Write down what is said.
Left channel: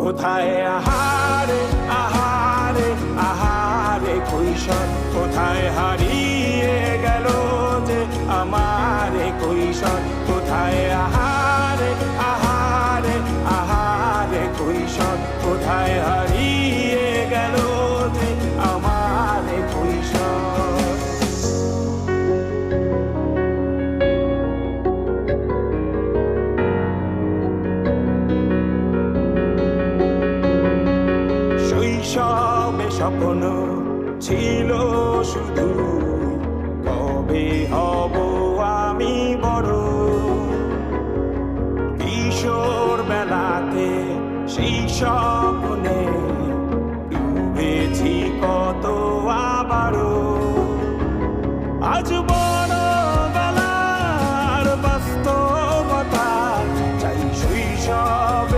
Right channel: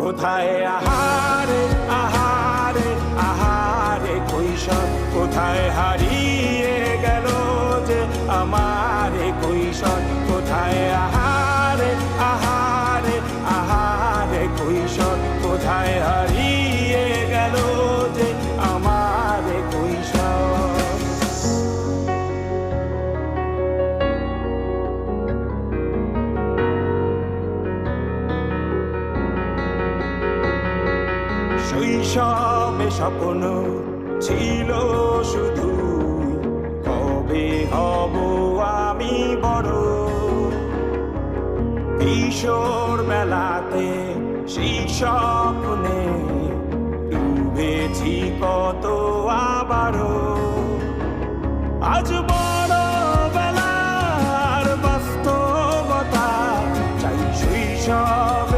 কোথায় আহারে আহারে আহারে কৈশোর, কোথায় হারিয়ে গেল যে আমার কৈশোর, কোথায় আহারে আহারে আহারে কৈশোর, কোথায় হারিয়ে গেল যে আমার কৈশোর। শৈশবে স্বপ্ন ছিল শুধু, কবে হব আমি বড়। কিশোর বেলাতে সেই স্বপ্নে ডুবেছি কত আবারও। আজ বড় বেলার বাস্তবতায় চাই শৈশব